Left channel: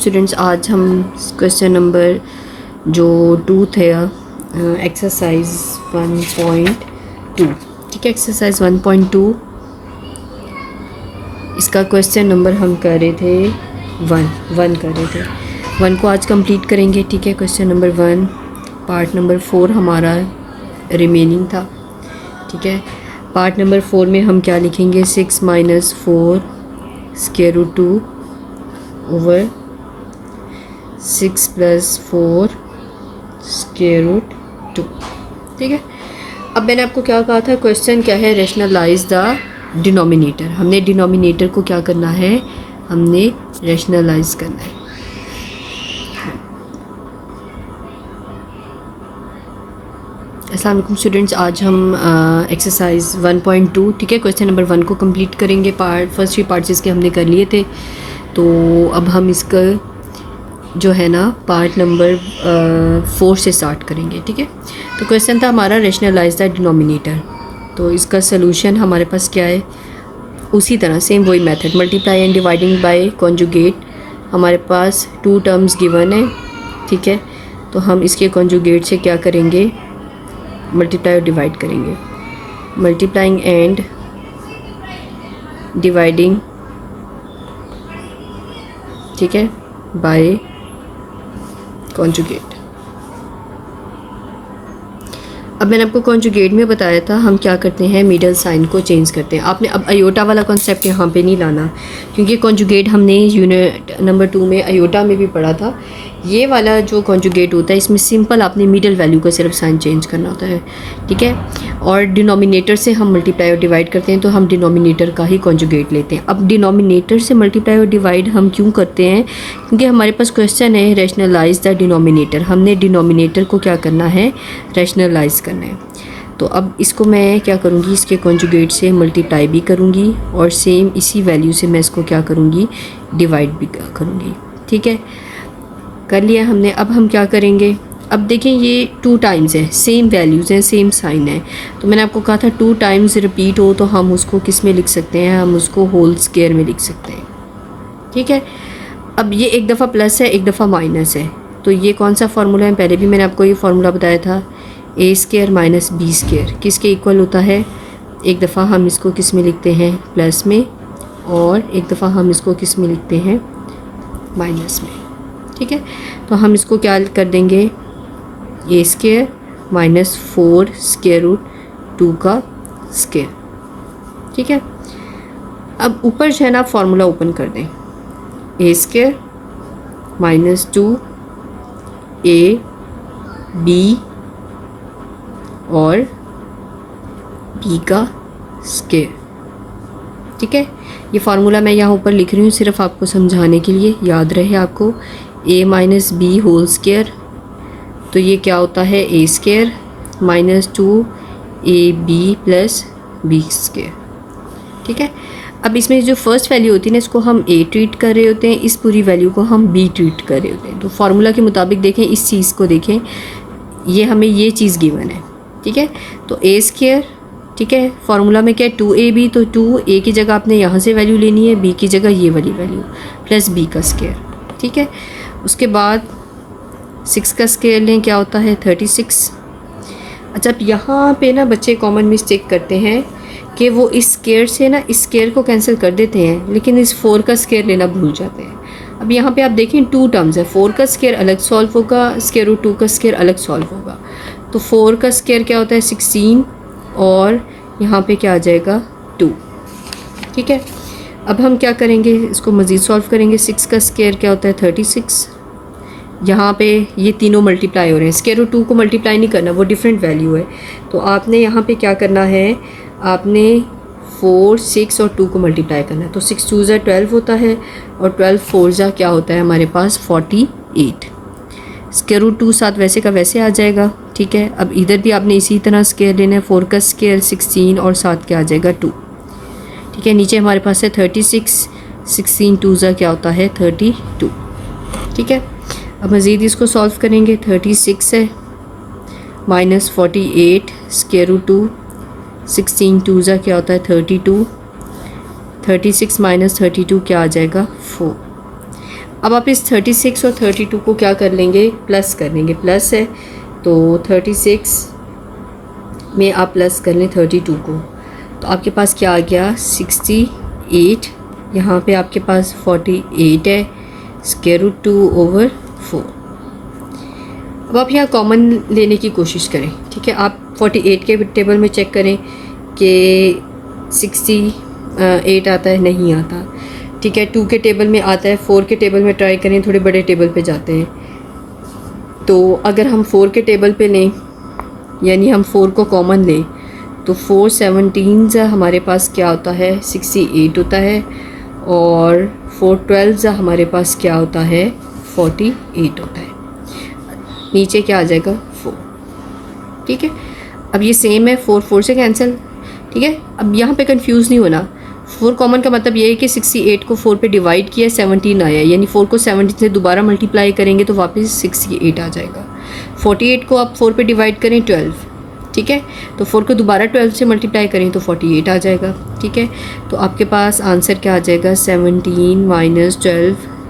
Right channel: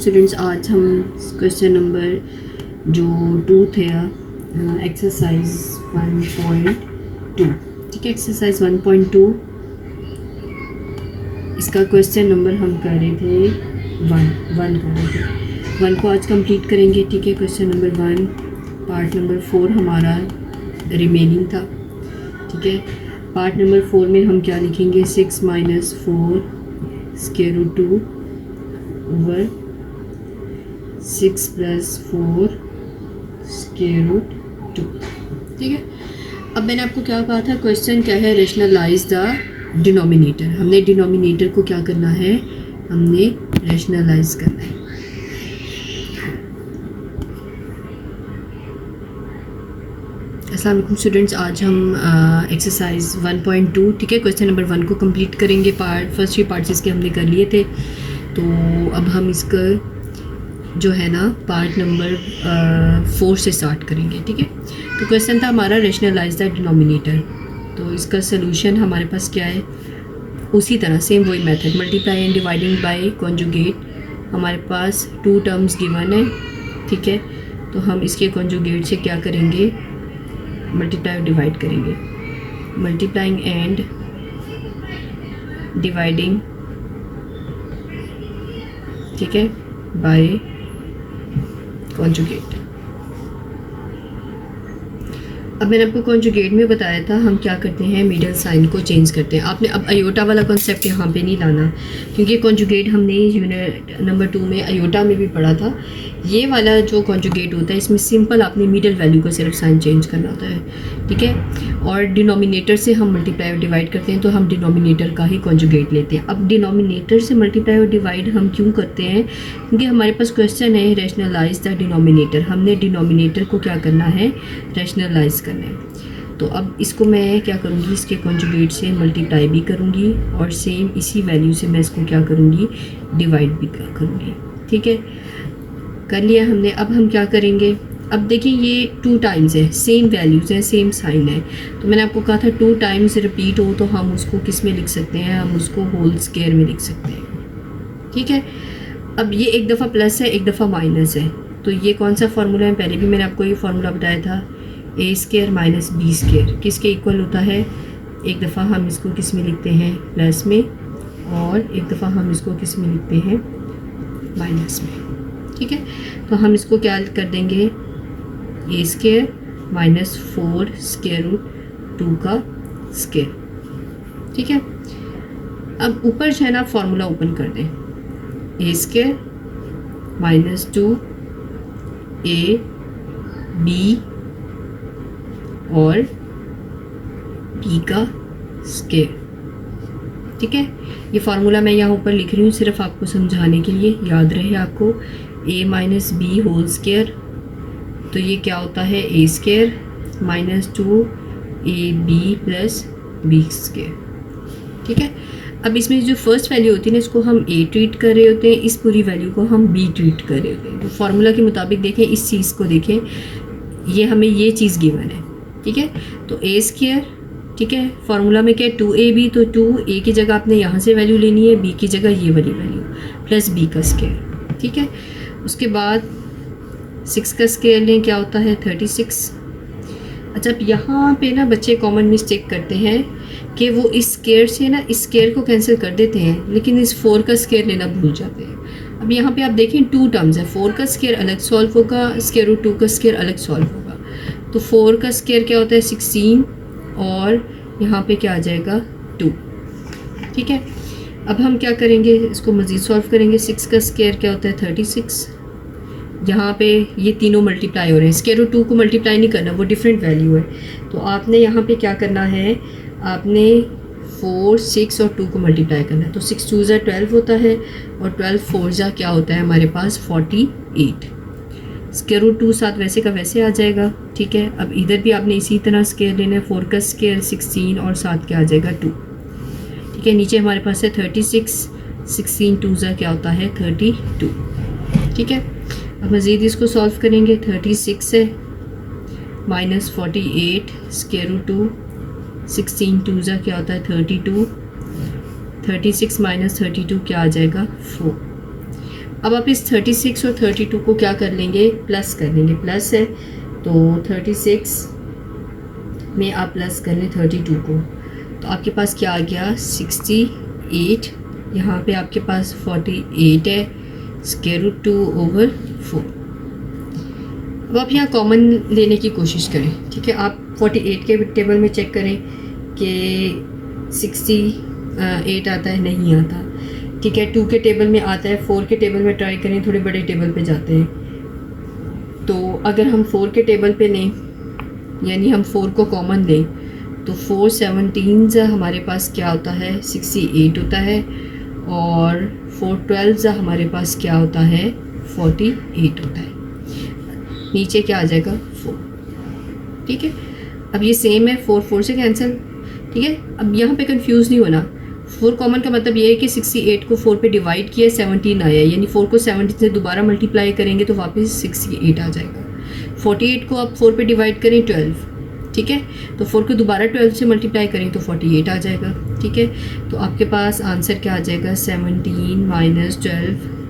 Students, आज हम question number जो 2 थे एक्सरसाइज 1.2, ठीक है। एक्सरसाइज 1.2 इसका क्वेश्चन नंबर हम कर रहे थे 1 कर रहे थे। 1 को आज कंप्लीट करेंगे, ठीक है। क्वेश्चन नंबर 1 पार्ट नंबर 4 हमारा रिमेनिंग था, ठीक है। पार्ट नंबर 4 में हम क्या लिखेंगे, 6 - 4 square root 2 over 6 + 4 square root 2, ठीक है। अब मैंने आपको क्या कहा था, क्वेश्चन क्या है, रैशनलाइज द डिनोमिनेटर। हमने डिनोमिनेटर को क्या करना है, हमने रैशनलाइज करना है। अस्सलाम वालेकुम स्टूडेंट्स, आज हम एक्सरसाइज 1.2, ठीक है, क्वेश्चन नंबर 1 को कंप्लीट करेंगे। फर्स्ट 3 पार्ट्स इसके हमने कर लिए थे, तो अब हम इसका जो है ना पार्ट नंबर 4 से स्टार्ट करेंगे, ठीक है। तो क्वेश्चन था हमारा रैशनलाइज द डिनोमिनेटर। तो इसका सलूशन हमारे पास क्या है, उसी तरह सेम वही method, multiply and dividing by conjugate. हमारे पास 2 टर्म्स गिवन है, ठीक है। तो हम इसके कॉन्जुगेट से क्या करेंगे, मल्टीप्लाई और डिवाइड करेंगे। मल्टीप्लाइंग एंड डिवाइडिंग, ठीक है, बाय कॉन्जुगेट। अब मैंने आपको कॉन्जुगेट में बताया था हम क्या करते हैं, मिडल साइन को चेंज करते हैं। आपने अब अयोटा वाला कॉन्सेप्ट यहाँ पे नहीं लाना, क्योंकि कॉन्जुगेट हमने यूनिट नंबर 2 में अयोटा में भी पढ़ा था। ये वाला जो कॉन्जुगेट होता है, इसमें सिंपल आपने मिडल वैल्यू का सिर्फ साइन चेंज करना होता है, ठीक है। और डिनोमिनेटर से हम मल्टीप्लाई और डिवाइड करते हैं, तो हम डिनोमिनेटर का ही कॉन्जुगेट लेते हैं। अब डिनोमिनेटर से मल्टीप्लाई और डिवाइड हम क्यों करते हैं, क्योंकि हमारे पास क्वेश्चन है रैशनलाइज द डिनोमिनेटर। हमने डिनोमिनेटर को क्या करना है, रैशनलाइज करना है। तो अब इसको मैं क्या करूँगी, इसके कॉन्जुगेट से मल्टीप्लाई भी करूँगी और सेम इसी वैल्यू से मैं इसको क्या करूँगी, डिवाइड भी करूँगी, ठीक है। कर लिया हमने। अब हम क्या करेंगे, अब देखें ये 2 टाइम्स है, सेम वैल्यूज़ हैं, सेम साइन है। तो मैंने आपको कहा था 2 टाइम्स रिपीट हो तो हम उसको किस में लिख सकते हैं, हम उसको होल स्क्वायर में लिख सकते हैं, ठीक है। अब ये एक दफ़ा प्लस है, एक दफ़ा माइनस है, तो ये कौन सा फार्मूला है, पहले भी मैंने आपको ये फार्मूला बताया था, a² - b² किसके इक्वल होता है। एक दफ़ा हम इसको किस में लिखते हैं, प्लस में, और एक दफ़ा हम इसको किस में लिखते हैं, माइनस में, ठीक है। तो हम इसको क्या कर देंगे, a² - 4 स्क्वायर रूट 2 का स्क्वायर, ठीक है। अब ऊपर जो है ना फार्मूला ओपन कर दें, a² - 2 ab और b का स्क्वायर, ठीक है। ये फार्मूला मैं यहाँ ऊपर लिख रही हूँ सिर्फ आपको समझाने के लिए, याद रहे आपको, a - b होल स्क्वायर। तो ये क्या होता है, a² - 2ab + b², ठीक है। अब इसमें जो फर्स्ट वैल्यू होती है ना, इसको हम a ट्रीट कर रहे होते हैं, इस पूरी वैल्यू को हम b ट्रीट कर रहे होते हैं। तो फार्मूला के मुताबिक देखें, इस चीज़ को देखें, ये हमें ये चीज़ गिवन है, ठीक है। तो a², ठीक है, फार्मूला में क्या है, 2ab, तो 2a की जगह आपने यहाँ से वैल्यू लेनी है, b की जगह ये वाली वैल्यू, प्लस b का स्क्वायर, ठीक है। उसके बाद 6 का स्क्वायर लें, क्या होता है, 36। अच्छा, अब यहाँ पे ना बच्चे कॉमन मिस्टेक करते हैं कि वो इस स्क्वायर से ना इस स्क्वायर को कैंसिल कर देते हैं, लेकिन इस 4 का स्क्वायर लेना भूल जाते हैं। अब यहाँ पे आप देखें 2 टर्म्स है, 4 का स्क्वायर अलग सॉल्व होगा, स्क्वायर रूट 2 का स्क्वायर अलग सॉल्व होगा। तो 4 का स्क्वायर क्या होता है, 16, और यहाँ पे क्या आ जाएगा, 2, ठीक है। अब हम क्या करेंगे, इसको मज़ीद सॉल्व करेंगे। 6 का स्क्वायर क्या होता है, 36। यहाँ पे ये तीनों मल्टीप्लाई हो रहे हैं, स्क्वायर रूट 2 को मल्टीप्लाई नहीं करना, वो डिफरेंट वैल्यू है। तो आपने यहाँ पे क्या करना है, आपने 4, 6 और 2 को मल्टीप्लाई करना है। तो 6 2 ज़ा 12 होता है, और 12 4 ज़ा क्या होता है हमारे पास, 48। स्क्वायर रूट 2 साथ वैसे का वैसे आ जाएगा, ठीक है। अब इधर भी आपने इसी तरह स्क्वायर लेना है, 4 का स्क्वायर 16 और साथ क्या आ जाएगा, 2, ठीक है। नीचे हमारे पास है 36, 16 2 ज़ा क्या होता है, 32, ठीक है। अब मज़ीद इसको सॉल्व करेंगे, 36 है -48 स्क्वायर रूट 2, 16 2 ज़ा क्या होता है, 32, 36 - 32 क्या आ जाएगा, 4। अब आप इस 36 और 32 को क्या कर लेंगे, प्लस कर लेंगे। प्लस है तो 36 में आप प्लस कर लें 32 को, तो आपके पास क्या आ गया 68। यहाँ पे आपके पास 48 है, √2/4। अब आप यहाँ कॉमन लेने की कोशिश करें, ठीक है। आप 48 के टेबल में चेक करें कि 68 आता है, नहीं आता, ठीक है। 2 के टेबल में आता है, 4 के टेबल में ट्राई करें, थोड़े बड़े टेबल पे जाते हैं। तो अगर हम 4 के टेबल पे लें, यानी हम 4 को कॉमन लें, तो 4 17 हमारे पास क्या होता है 68 होता है, और 4 12 हमारे पास क्या होता है 48 होता है। नीचे क्या आ जाएगा 4, ठीक है। अब ये सेम है, 4 4 से कैंसिल, ठीक है। अब यहाँ पे कंफ्यूज नहीं होना, 4 कॉमन का मतलब ये है कि 68 को 4 पे डिवाइड किया 17 आया, यानी 4 को 17 से दोबारा मल्टीप्लाई करेंगे तो वापस 68 आ जाएगा। 48 को आप 4 पे डिवाइड करें 12, ठीक है, तो 4 को दोबारा 12 से मल्टीप्लाई करें तो 48 आ जाएगा, ठीक है। तो आपके पास आंसर क्या आ जाएगा 17 - 12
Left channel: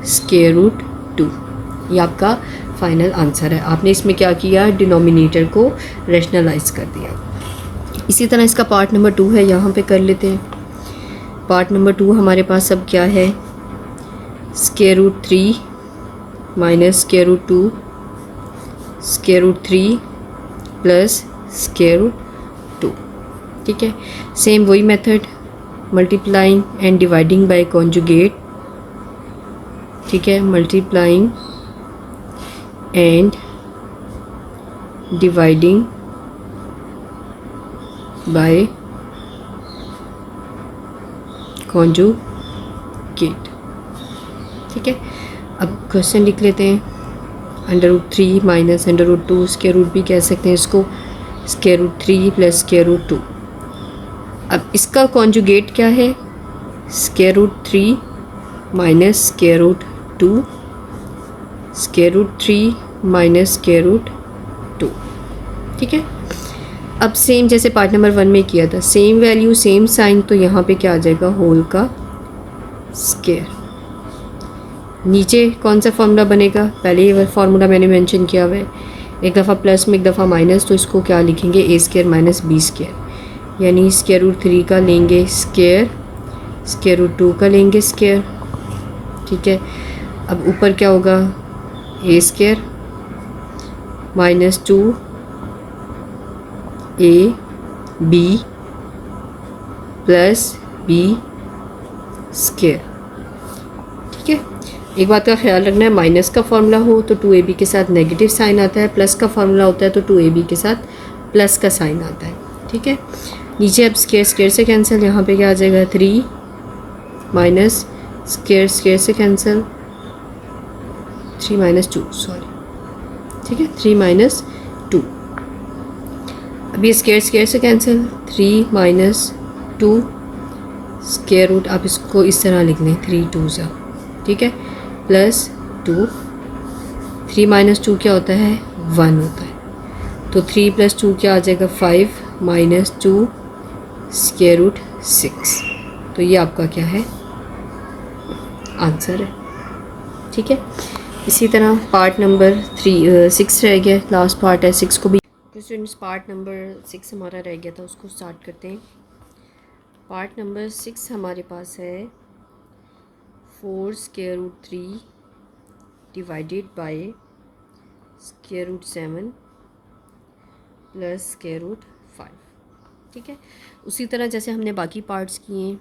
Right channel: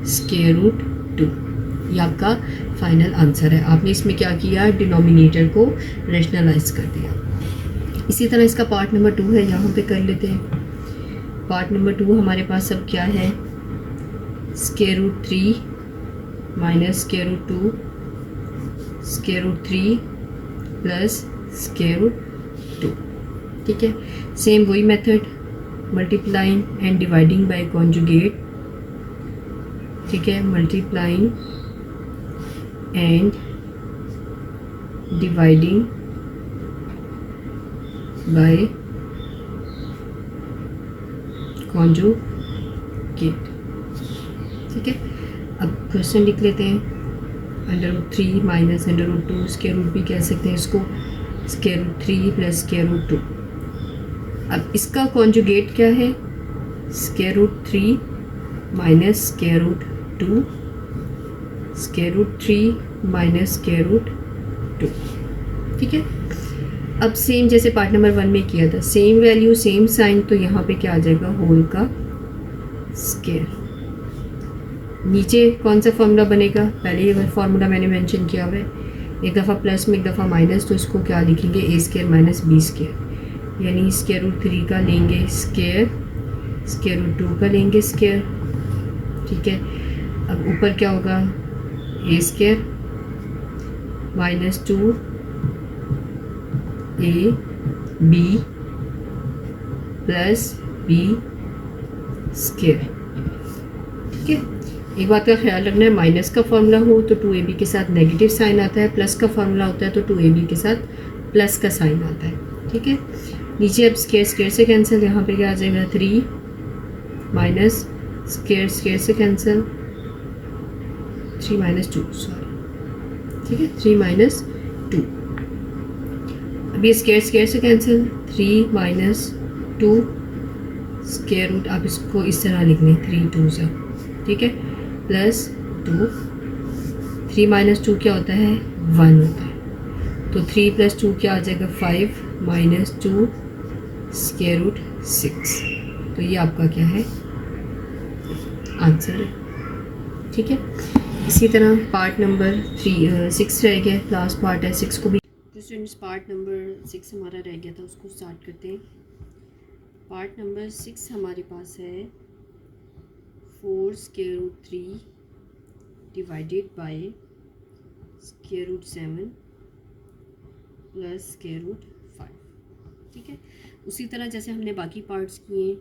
√2। ये आपका फाइनल आंसर है। आपने इसमें क्या किया, डिनोमिनेटर को रैशनलाइज कर दिया। इसी तरह इसका पार्ट नंबर 2 है, यहाँ पे कर लेते हैं। पार्ट नंबर 2 हमारे पास अब क्या है, √3 -√2 √3 प्लस √2, ठीक है। सेम वही method, multiplying and dividing by conjugate, ठीक है। Multiplying and dividing by conjugate, ठीक है। अब क्वेश्चन लिख लेते हैं। √3 माइनस √2, स्क्वायर रूट भी कह सकते हैं इसको, √3 प्लस √2। अब इसका कॉन्जुगेट क्या है, √3 माइनस √2, √3 माइनस √2, ठीक है। अब सेम जैसे पार्ट नंबर 1 में किया था, सेम वैल्यू सेम साइन, तो यहाँ पे क्या आ जाएगा होल का स्क्वायर। नीचे कौन सा फॉर्मूला बनेगा, पहले ये फार्मूला मैंने मेंशन किया हुआ है, एक दफ़ा प्लस में एक दफ़ा माइनस, तो इसको क्या लिखेंगे a² माइनस b², यानी √3 का लेंगे स्क्वायर, √2 का लेंगे स्क्वायर, ठीक है। अब ऊपर क्या होगा a² minus 2ab plus b², ठीक है। एक बात का ख्याल रखना है, माइनस का फार्मूला हो तो 2ab के साथ नेगेटिव साइन आता है, प्लस का फार्मूला होता है तो 2ab के साथ प्लस का साइन आता है, ठीक है। नीचे अब स्क्वायर से कैंसिल, यहाँ पे क्या आ जाएगा 3 माइनस स्क्वायर से कैंसिल, 3 - 2 सॉरी, ठीक है, 3 - 2। अभी स्क्वायर से कैंसिल, 3 - 2 स्क्वायर रूट, आप इसको इस तरह लिख लें 3 2 ठीक है, प्लस 2, 3 - 2 क्या होता है 1 होता है, तो 3 + 2 क्या आ जाएगा 5 - 2 √6। तो ये आपका क्या है आंसर है, ठीक है। इसी तरह पार्ट नंबर 6 रह गया, लास्ट पार्ट है 6 को भी स्टूडेंट्स, पार्ट नंबर 6 हमारा रह गया था, उसको स्टार्ट करते हैं। पार्ट नंबर 6 हमारे पास है 4 √3 डिवाइडेड बाय √7 प्लस √5, ठीक है। उसी तरह जैसे हमने बाकी पार्ट्स किए,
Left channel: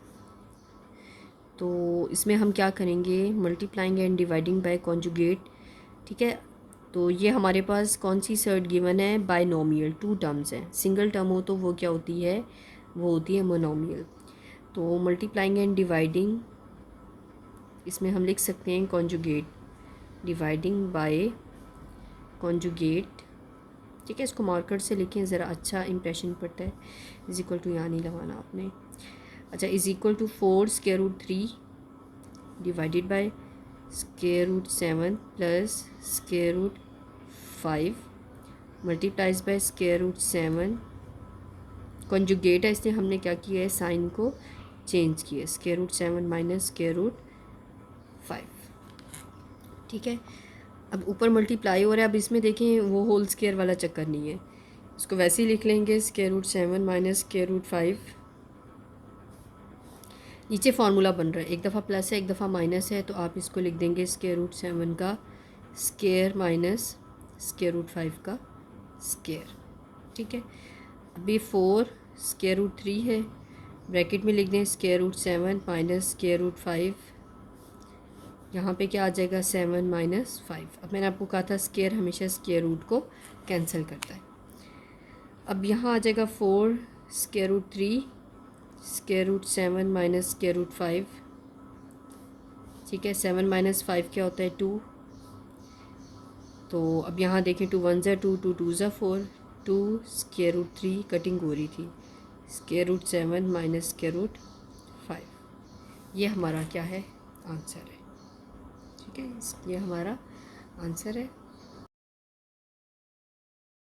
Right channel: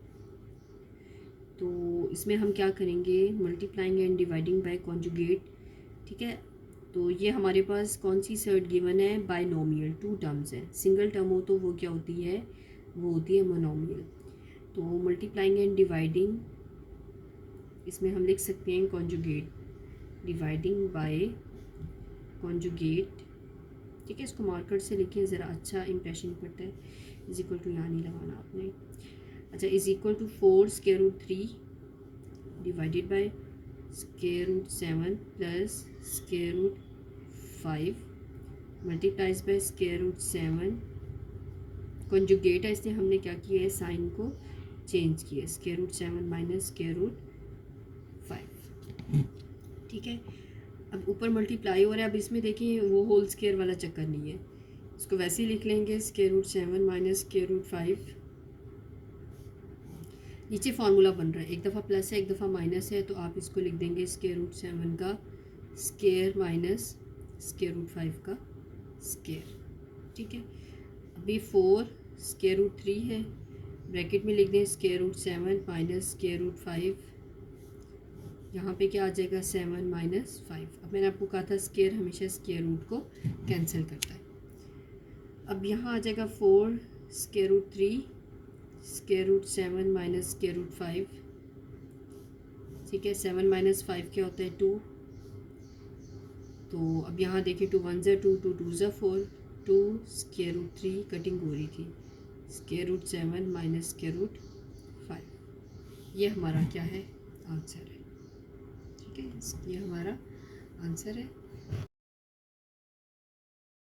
तो इसमें हम क्या करेंगे, multiplying and dividing by conjugate, ठीक है। तो ये हमारे पास कौन सी सर्ट गिवन है, बायनोमियल, 2 टर्म्स हैं। सिंगल टर्म हो तो वो क्या होती है, वो होती है मोनोमियल। तो मल्टीप्लाइंग एंड डिवाइडिंग, इसमें हम लिख सकते हैं कॉन्जुगेट, डिवाइडिंग बाय कॉन्जुगेट, ठीक है। इसको मार्कर से लिखें, ज़रा अच्छा इंप्रेशन पड़ता है। इज इक्वल टू यहाँ नहीं लगाना आपने, अच्छा, is equal to 4 √3 divided by √7 plus √5 multiplies by √7, conjugate है इसलिए हमने क्या किया है, साइन को चेंज किया, √7 माइनस √5, ठीक है। अब ऊपर मल्टीप्लाई हो रहा है, अब इसमें देखें वो होल स्क्वायर वाला चक्कर नहीं है, इसको वैसे ही लिख लेंगे square root 7 minus square root 5। नीचे फार्मूला बन रहा है, एक दफ़ा प्लस है एक दफ़ा माइनस है, तो आप इसको लिख देंगे स्क्वायर रूट 7 का स्क्वायर माइनस स्क्वायर रूट 5 का स्क्वायर। ठीक है। अभी 4 स्क्वायर रूट 3 है, ब्रैकेट में लिख दें square root 7 minus square root 5। यहाँ पे क्या आ जाएगा 7 माइनस 5। अब मैंने आपको कहा था स्क्वायर हमेशा स्क्वायर रूट को कैंसिल करता है। अब यहाँ आ जाएगा 4 square root 3 square root 7 minus square root 5। ठीक है, 7 माइनस 5 क्या होता है 2। तो अब यहाँ देखें 2 1 ज़ा 2 2 2 ज़ा 4, 2 स्क्वायर रूट 3 कटिंग हो रही थी, square root 7 minus square root 5। ये हमारा क्या है आंसर है। ठीक है, ये हमारा आंसर है।